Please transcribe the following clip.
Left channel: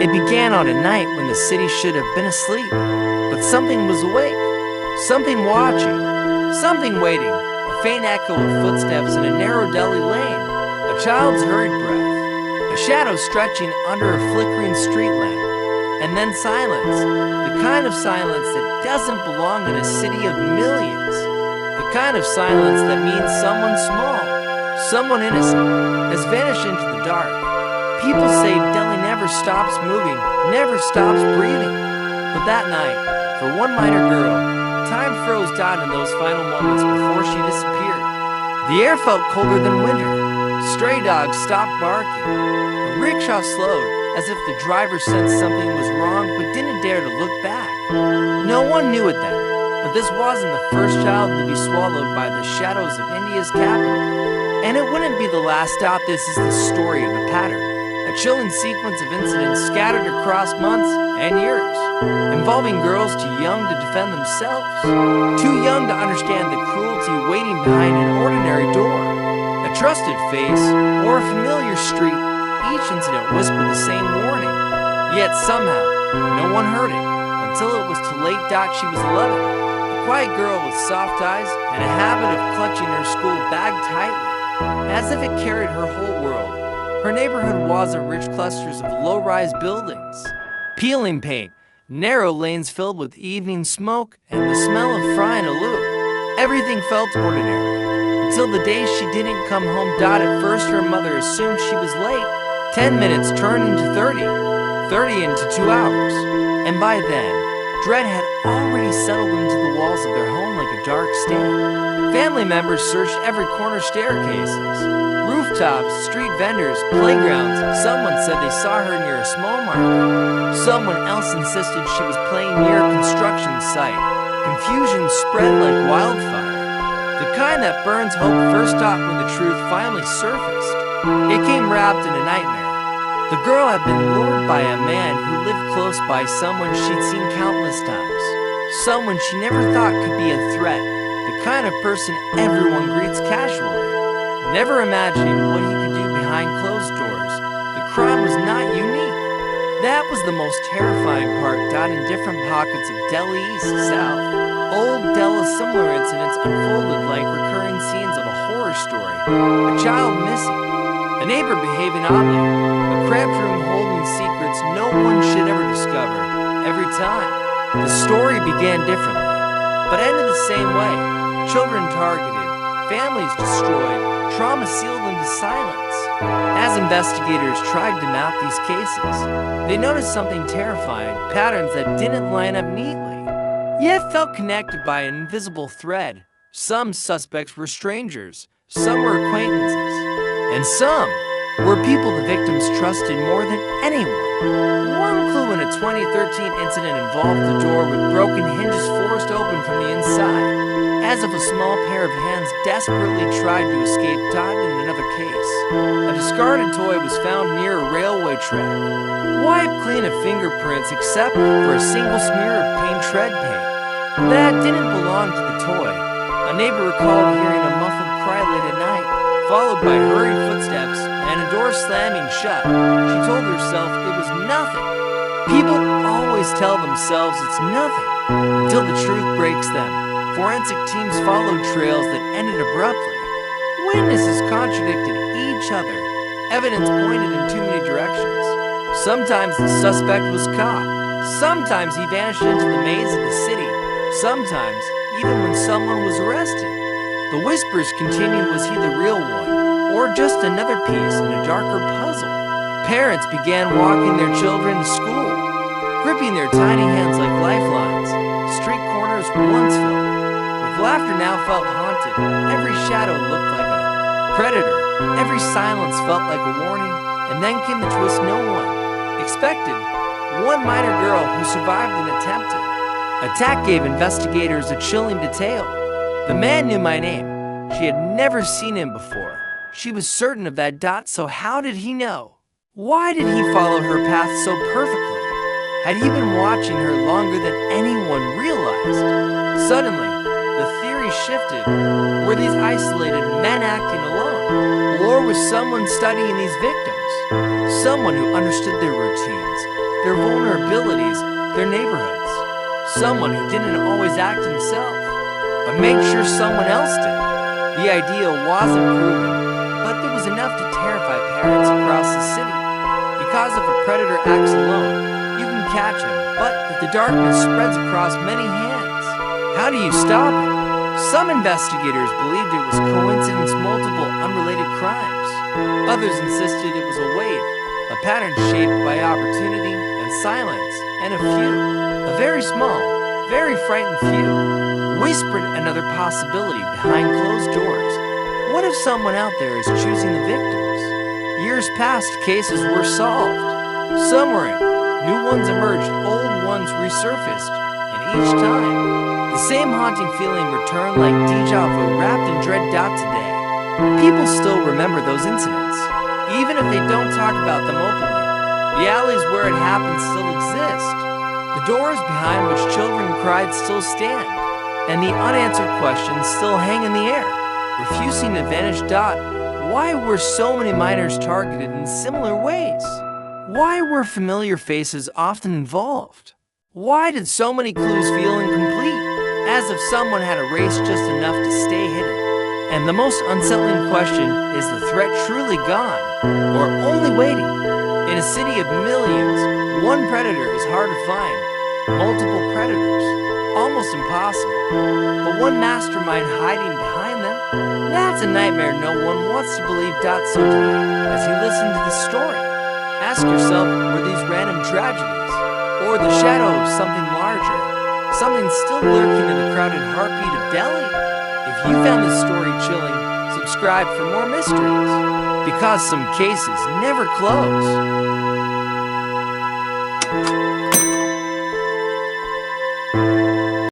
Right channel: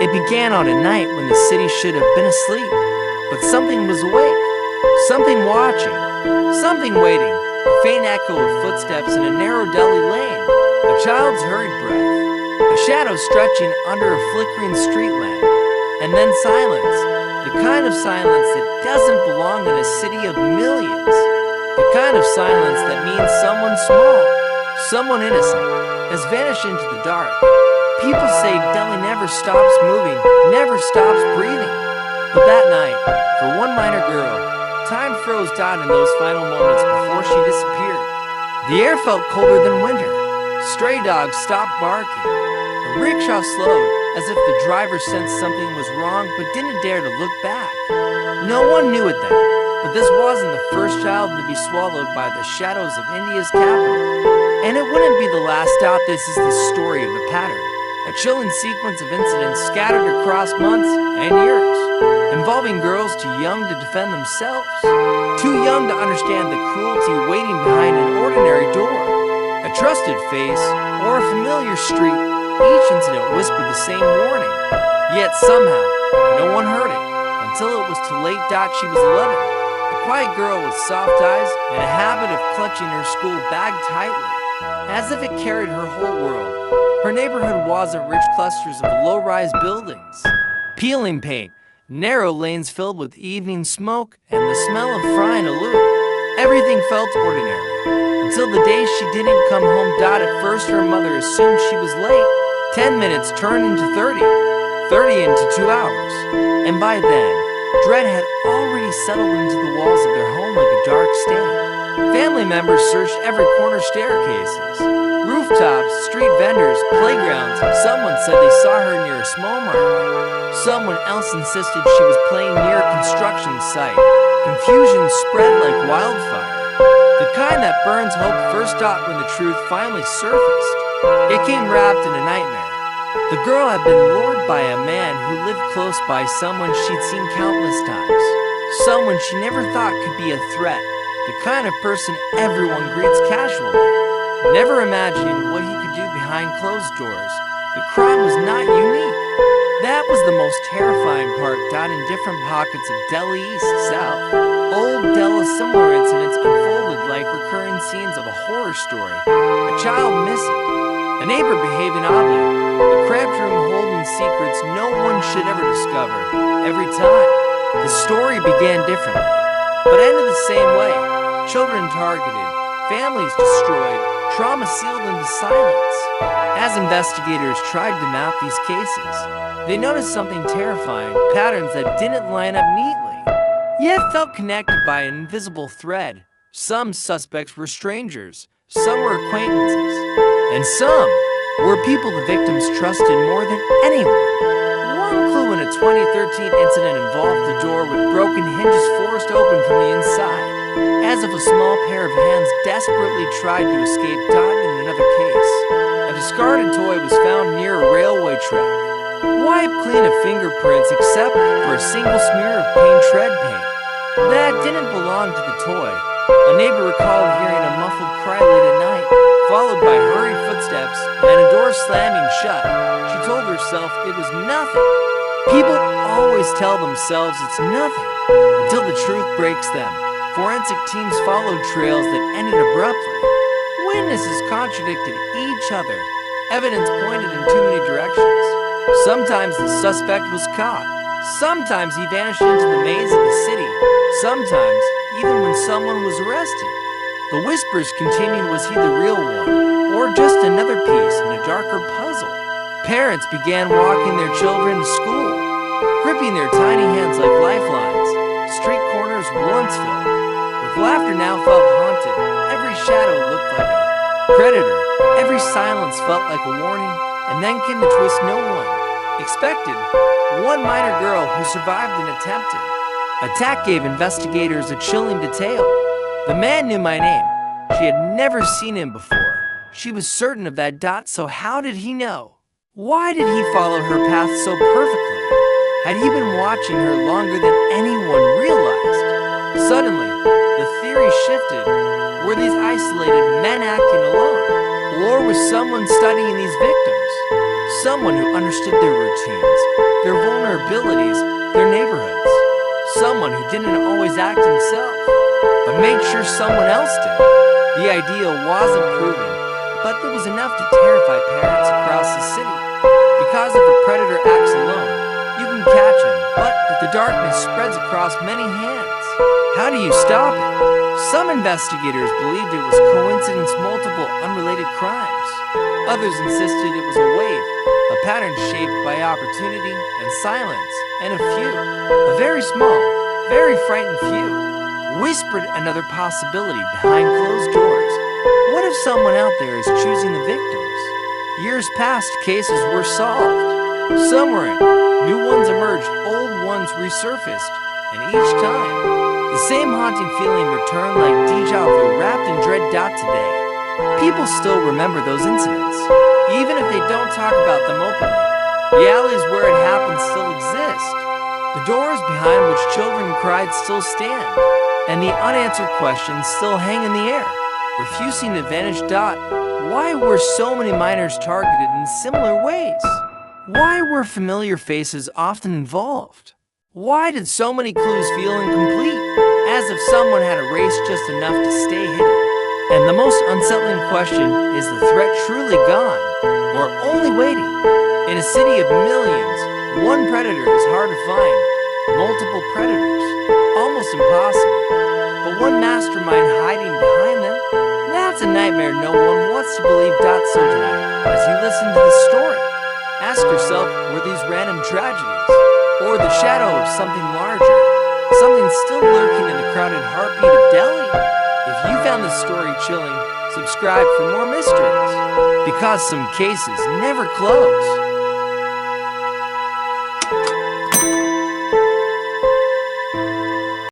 It began on a night when the city should have been asleep, but something was awake, something watching, something waiting, a faint echo of footsteps in a narrow deli lane, a child's hurried breath, a shadow stretching under a flickering street lamp, and then silence, the kind of silence that doesn't belong in a city of millions, the kind of silence that means someone small, someone innocent, has vanished into the dark. People say Delhi never stops moving, never stops breathing. But that night, for one minor girl, time froze down in those final moments before she disappeared. The air felt colder than winter. Stray dogs stopped barking. A rickshaw slowed, as if the driver sensed something was wrong but didn't dare to look back. No one knew it then, but this wasn't the first child to be swallowed by the shadows of India's capital. And it wouldn't be the last stop. This is the story of a pattern. A chilling sequence of incidents scattered across months and years, involving girls too young to defend themselves, too young to understand the cruelty waiting behind an ordinary door, a trusted face, or a familiar street. Each incident whispered the same warning, yet somehow no one heard it until it was too late. She was 11, a quiet girl with soft eyes and a habit of clutching her school bag tightly, as if it carried her whole world. Her neighborhood wasn't rich clusters of low-rise buildings, peeling paint, narrow lanes filled with evening smoke, and the smell of frying aloo. Everything felt ordinary, until the day she didn't come home. At first her mother assumed she was late. 10 minutes turned into 30, 30 into 2 hours, and by then, dread had already settled into the walls of their home like a dark stain. Family members searched every corner, staircases, rooftops, street vendors, playgrounds. Someone said they saw her near a small market. Someone else insisted she was playing near a construction site. Confusion spread like wildfire, the kind that burns hope first. When the truth finally surfaced, it came wrapped in a nightmare. The girl had been lured by a man who lived close by, someone she'd seen countless times, someone she never thought could be a threat, the kind of person everyone greets casually, never imagining what he could do behind closed doors. The crime was not unique. That was the most terrifying part. In different pockets of Delhi, east, south, old Delhi, similar incidents unfolded like recurring scenes of a horror story. A child missing, a neighbor behaving oddly, a cramped room holding secrets no one should ever discover. Every time, the story began differently, but ended the same way. Children targeted, families destroyed, trauma sealed into silence. As investigators tried to map these cases, they noticed something terrifying: patterns that didn't line up neatly, yet felt connected by an invisible thread. Some suspects were strangers, some were acquaintances, and some were people the victims trusted more than anyone. One clue in a 2013 incident involved the door with broken hinges forced open from the inside, as if a small pair of hands desperately tried to escape. In another case, a discarded toy was found near a railway track, wiped clean of fingerprints except for a single smear of tread paint that didn't belong to the toy. A neighbor recalled hearing a muffled cry late at night, followed by hurried footsteps and a door slamming shut. She told herself it was nothing. People always tell themselves it's nothing until the truth breaks them. Forensic teams followed trails that ended abruptly. Witnesses contradicted each other. Evidence pointed in too many directions. Sometimes the suspect was caught. Sometimes he vanished into the maze of the city. Sometimes, even when someone was arrested, the whispers continued. Was he the real one, or just another piece in a darker puzzle? Parents began walking their children to school, gripping their tiny hands like lifelines. Street corners once filled with laughter now felt haunted. Every shadow looked like a predator. Every silence felt like a warning. And then came the twist no one expected. One minor girl who survived an attempted attack gave investigators a chilling detail. The man knew my name. She had never seen him before. She was certain of that. So how did he know? Why did he follow her path so perfectly? Had he been watching her longer than anyone realized? Suddenly, the theory shifted. Were these isolated men acting alone? Or was someone studying these victims? Someone who understood their routines, their vulnerabilities, their neighborhoods. Someone who didn't always act himself, but made sure someone else did. The idea wasn't proven, but it was enough to terrify parents across the city. Because if a predator acts alone, you can catch him, but if the darkness spreads across many hands, how do you stop it? Some investigators believed it was coincidence, multiple unrelated crimes. Others insisted it was a wave, a pattern shaped by opportunity and silence, and a very small, very frightened few, whispered another possibility behind closed doors. What if someone out there is choosing the victims? Years past, cases were solved. Some were in, new ones emerged, old ones resurfaced, and each time, the same haunting feeling returned like déjà vu wrapped in dread. Today, people still remember those incidents, even if they don't talk about them openly. The alleys where it happened still exist. The doors behind which children cried still stand, and the unanswered questions still hang in the air, refusing to vanish. Why were so many minors targeted in similar ways? Why were familiar faces often involved? Why did so many clues feel incomplete, as if someone had erased just enough to stay hidden? And the most unsettling question, is the threat truly gone, or only waiting? In a city of millions, one predator is hard to find. Multiple predators, almost impossible. But one mastermind hiding behind them? That's a nightmare no one wants to believe. So tonight, as you listen to this story, ask yourself, were these random tragedies, or the shadow of something larger, something still lurking in the crowded heartbeat of Delhi? If you found this story chilling, subscribe for more mysteries, because some cases never close.